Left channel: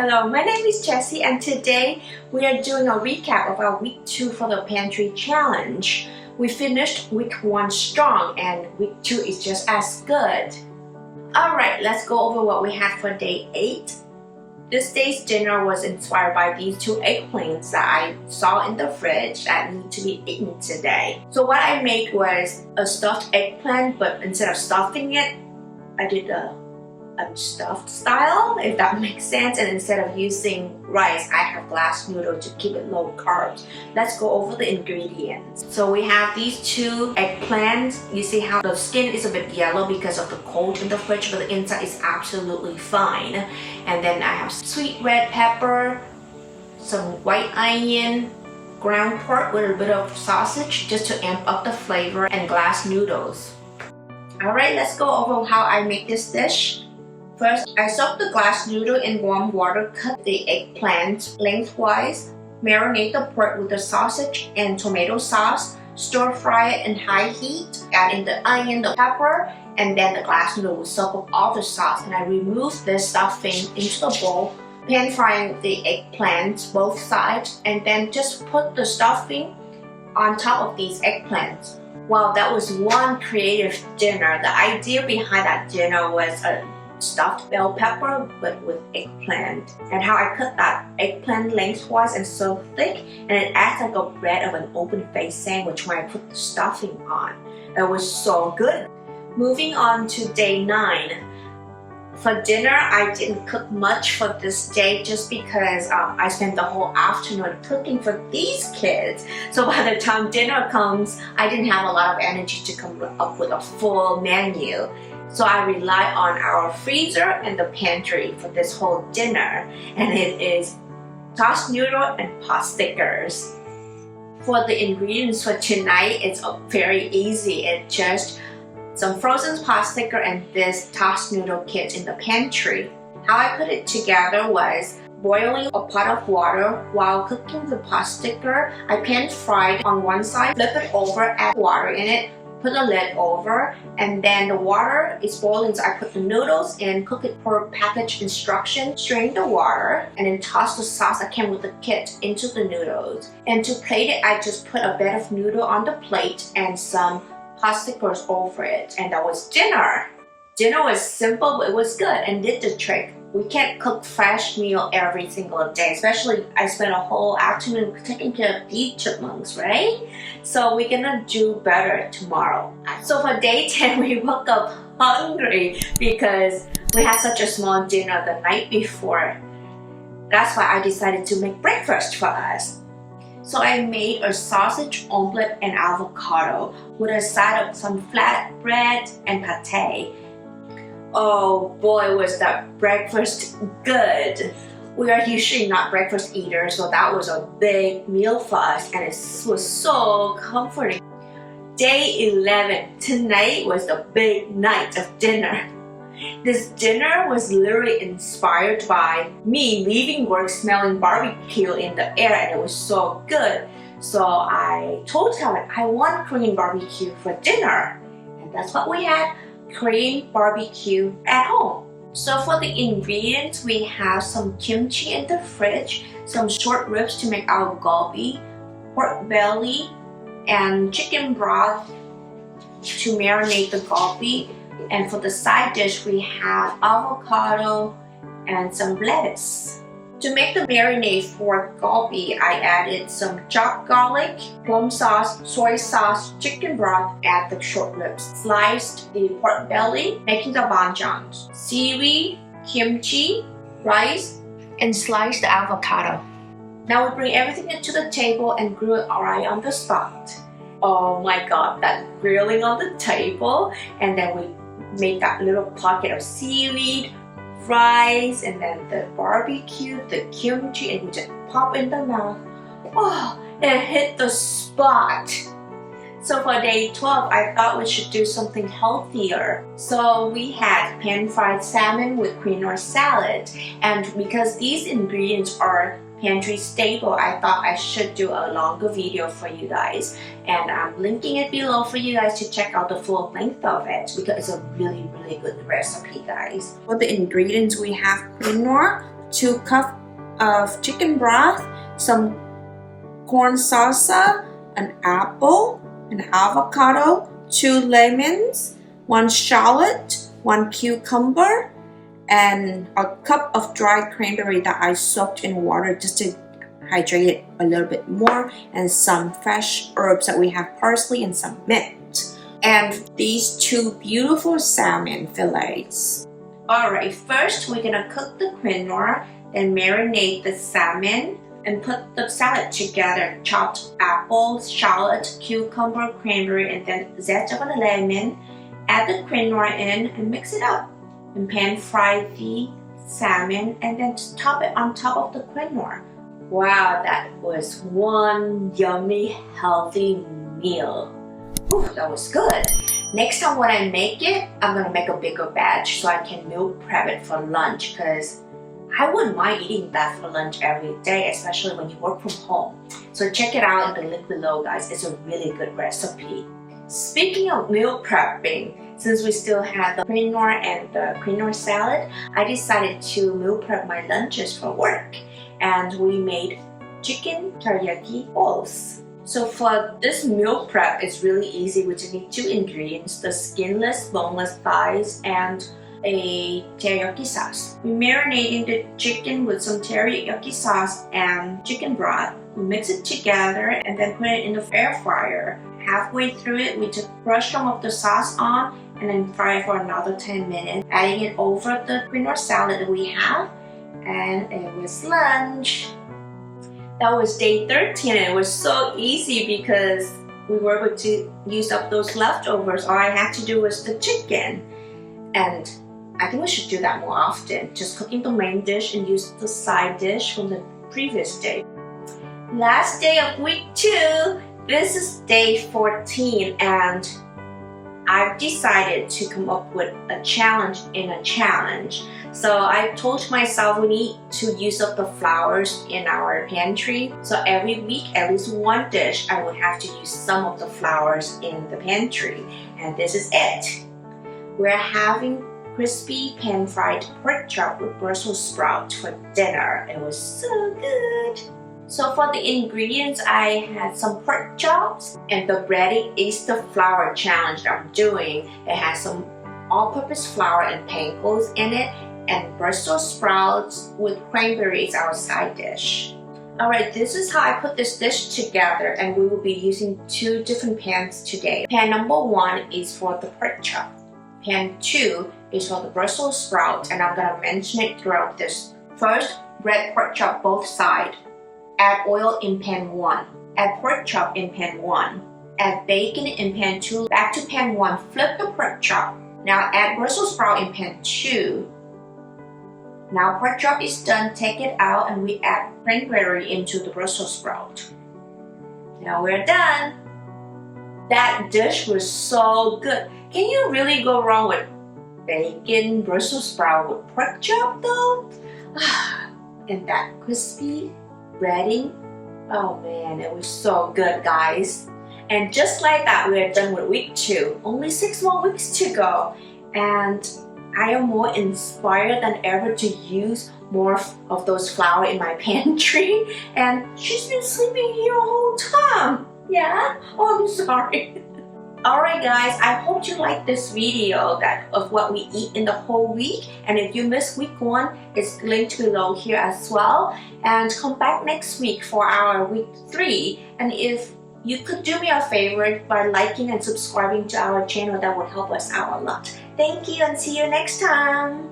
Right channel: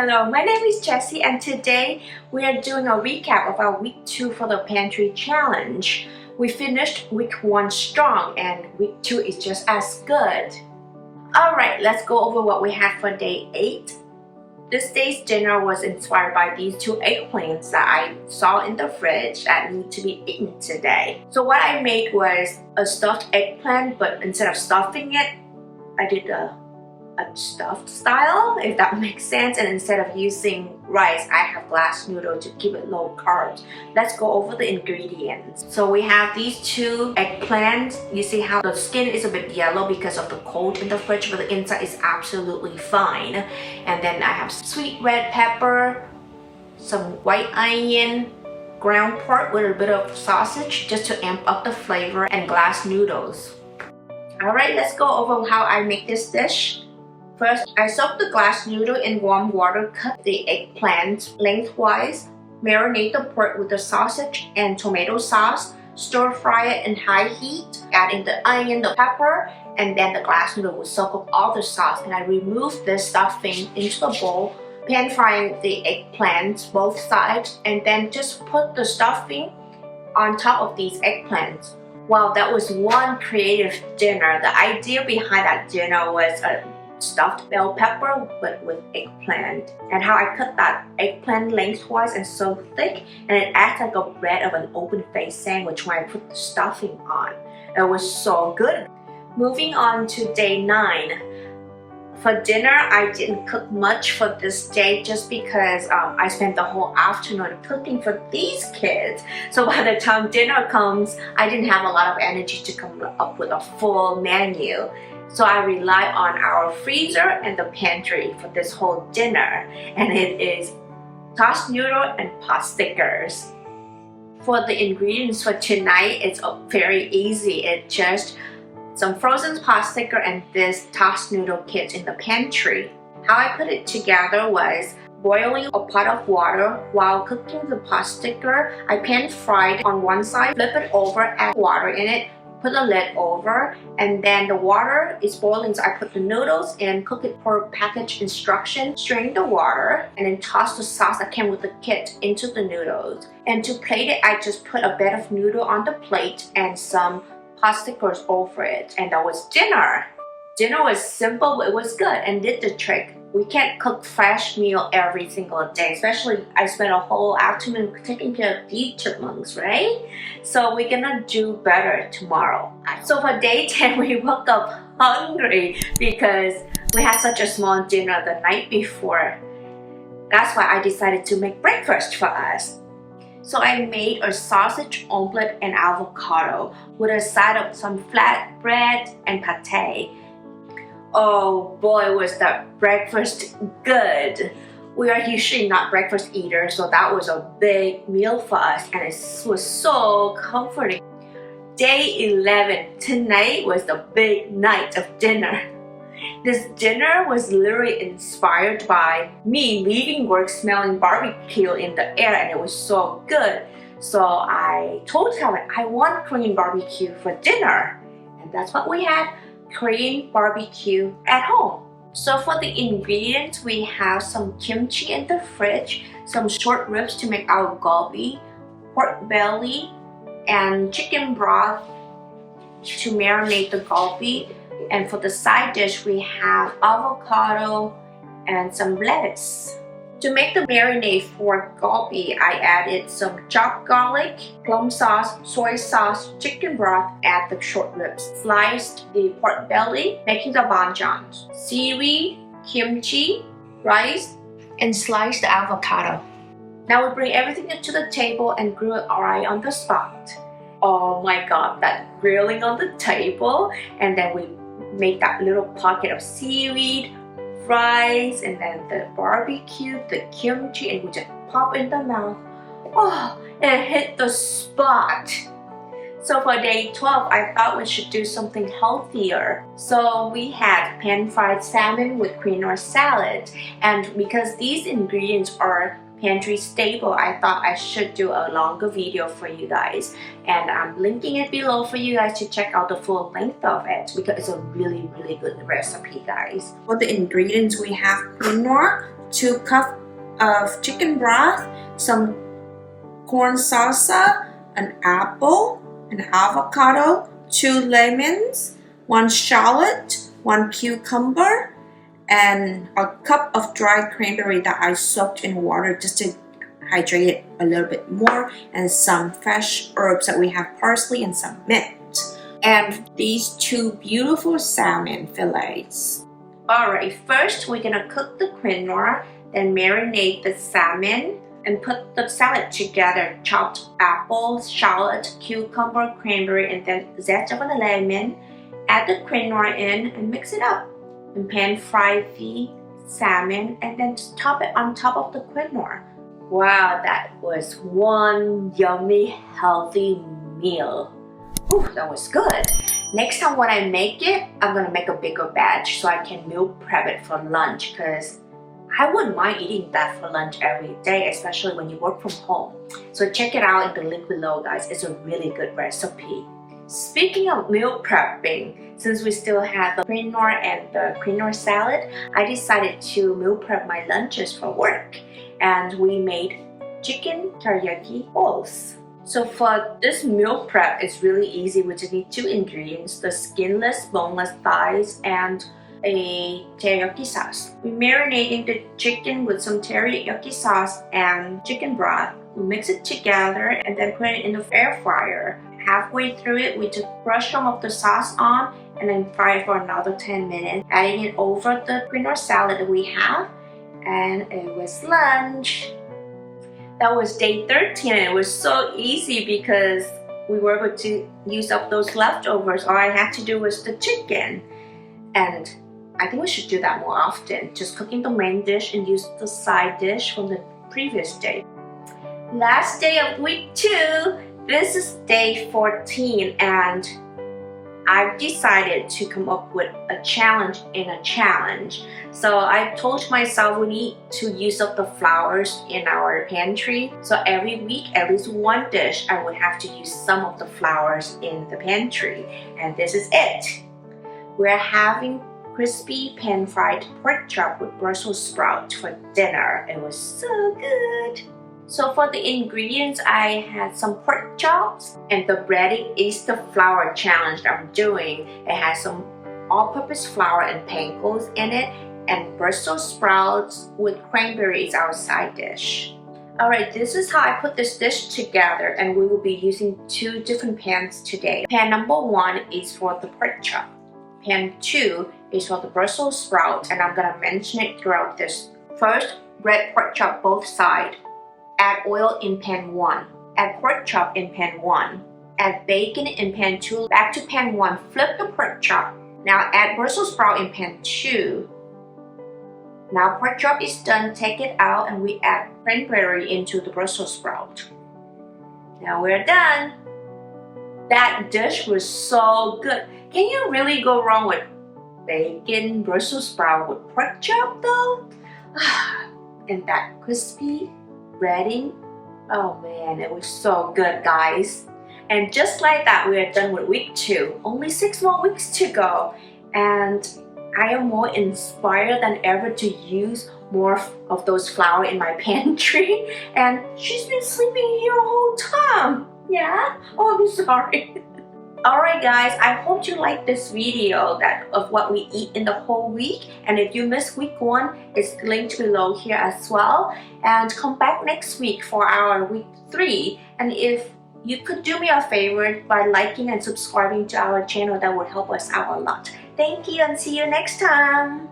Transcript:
Hello, my name is Jessie and today we are doing a recap of our week 2 for the pantry challenge. We finished week 1 strong and week 2 is just as good. Alright, let's go over what we had for day 8. This day's dinner was inspired by these 2 eggplants that I saw in the fridge that need to be eaten today. So what I made was a stuffed eggplant, but instead of stuffing it, I did a stuffed style, if that makes sense, and instead of using rice, I have glass noodle to keep it low carbs. Let's go over the ingredients. So we have these 2 eggplants. You see how the skin is a bit yellow because of the cold in the fridge, but the inside is absolutely fine. And then I have sweet red pepper, some white onion, ground pork with a bit of sausage just to amp up the flavor, and glass noodles. Alright, let's go over how I make this dish. First, I soak the glass noodle in warm water, cut the eggplant lengthwise, marinate the pork with the sausage and tomato sauce, stir fry it in high heat, add in the onion, the pepper, and then the glass noodle will soak up all the sauce. And I remove the stuffing into the bowl, pan frying the eggplants both sides, and then just put the stuffing on top of these eggplants. Wow, that was one creative dinner. The idea behind that dinner was a stuffed bell pepper but with eggplant, and how I cut that eggplant lengthwise and so thick, and it acts like a bread of an open-faced sandwich when I put the stuffing on. It was so good. Moving on to day 9. For dinner, I didn't cook much for this day just because I spent the whole afternoon cooking for these kids. So by the time dinner comes, I didn't have a lot of energy to come up with a full menu. So I rely on our freezer and the pantry for this whole dinner, and it is Toss Noodle and Potstickers. For the ingredients for tonight, it's very easy. It's just some frozen Potsticker and this Toss Noodle kit in the pantry. How I put it together was boiling a pot of water. While cooking the Potsticker, I pan fried on one side, flip it over, add water in it, put the lid over, and then the water is boiling, so I put the noodles in, cook it per package instruction, strain the water, and then toss the sauce that came with the kit into the noodles. And to plate it, I just put a bed of noodle on the plate and some Potstickers over it, and that was dinner. Dinner was simple, but it was good and did the trick. We can't cook fresh meal every single day, especially I spent a whole afternoon taking care of these chipmunks, right? So we're gonna do better tomorrow. So for day 10, we woke up hungry because we had such a small dinner the night before. That's why I decided to make breakfast for us. So I made a sausage omelette and avocado with a side of some flatbread and pate. Oh boy, was that breakfast good. We are usually not breakfast eaters, so that was a big meal for us, and it was so comforting. Day 11, tonight was the big night of dinner. This dinner was literally inspired by me leaving work smelling barbecue in the air, and it was so good. So I told Helen I want Korean barbecue for dinner, and that's what we had. Korean barbecue at home. So for the ingredients, we have some kimchi in the fridge, some short ribs to make our galbi, pork belly, and chicken broth to marinate the galbi. And for the side dish, we have avocado and some lettuce. To make the marinade for galbi, I added some chopped garlic, plum sauce, soy sauce, chicken broth, add the short ribs, sliced the pork belly, making the banchan, seaweed, kimchi, rice, and sliced the avocado. Now we bring everything into the table and grill it right on the spot. Oh my god, that grilling on the table, and then we make that little pocket of seaweed, rice, and then the barbecue, the kimchi, and we just pop in the mouth. Oh, it hit the spot. So for day 12, I thought we should do something healthier. So we had pan-fried salmon with quinoa salad, and because these ingredients are pantry staple, I thought I should do a longer video for you guys, and I'm linking it below for you guys to check out the full length of it because it's a really good recipe, guys. For the ingredients, we have quinoa, 2 cups of chicken broth, some corn salsa, an apple, an avocado, 2 lemons, 1 shallot, 1 cucumber, and a cup of dried cranberry that I soaked in water just to hydrate it a little bit more, and some fresh herbs that we have, parsley and some mint, and these 2 beautiful salmon fillets. Alright, first we're gonna cook the quinoa, then marinate the salmon and put the salad together. Chopped apple, shallot, cucumber, cranberry, and then zest of a lemon. Add the quinoa in and mix it up. And pan fry the salmon and then top it on top of the quinoa. Wow, that was one yummy, healthy meal. Ooh, that was good. Next time when I make it, I'm gonna make a bigger batch so I can meal prep it for lunch, because I wouldn't mind eating that for lunch every day, especially when you work from home. So check it out in the link below, guys. It's a really good recipe. Speaking of meal prepping, since we still have the quinoa and the quinoa salad, I decided to meal prep my lunches for work. And we made chicken teriyaki bowls. So for this meal prep, it's really easy. We just need 2 ingredients, the skinless, boneless thighs and a teriyaki sauce. We're marinating the chicken with some teriyaki sauce and chicken broth. We mix it together and then put it in the air fryer. Halfway through it, we just brush some of the sauce on and then fry it for another 10 minutes, adding it over the quinoa salad that we have. And it was lunch. That was day 13 and it was so easy because we were able to use up those leftovers. All I had to do was the chicken. And I think we should do that more often. Just cooking the main dish and use the side dish from the previous day. Last day of week 2. This is day 14 and I've decided to come up with a challenge in a challenge. So I told myself we need to use up the flours in our pantry. So every week, at least 1 dish, I would have to use some of the flours in the pantry. And this is it. We're having crispy pan-fried pork chop with Brussels sprouts for dinner. It was so good. So for the ingredients, I had some pork chops, and the breading is the flour challenge that I'm doing. It has some all-purpose flour and pancakes in it, and Brussels sprouts with cranberry is our side dish. Alright, this is how I put this dish together, and we will be using 2 different pans today. Pan number 1 is for the pork chop. Pan 2 is for the Brussels sprouts, and I'm gonna mention it throughout this. First, bread pork chop both sides. Add oil in pan 1. Add pork chop in pan 1. Add bacon in pan 2. Back to pan 1. Flip the pork chop. Now add Brussels sprout in pan 2. Now pork chop is done. Take it out and we add cranberry into the Brussels sprout. Now we're done. That dish was so good. Can you really go wrong with bacon, Brussels sprout with pork chop though? And that crispy breading, oh man, it was so good, guys. And just like that, we are done with week 2. Only 6 more weeks to go, and I am more inspired than ever to use more of those flour in my pantry. And she's been sleeping here the whole time. Yeah? Oh, I'm sorry. Alright guys, I hope you liked this video of what we eat in the whole week. And if you missed week 1, it's linked below here as well. And come back next week for our week 3. And if you could do me a favor by liking and subscribing to our channel, that would help us out a lot. Thank you and see you next time.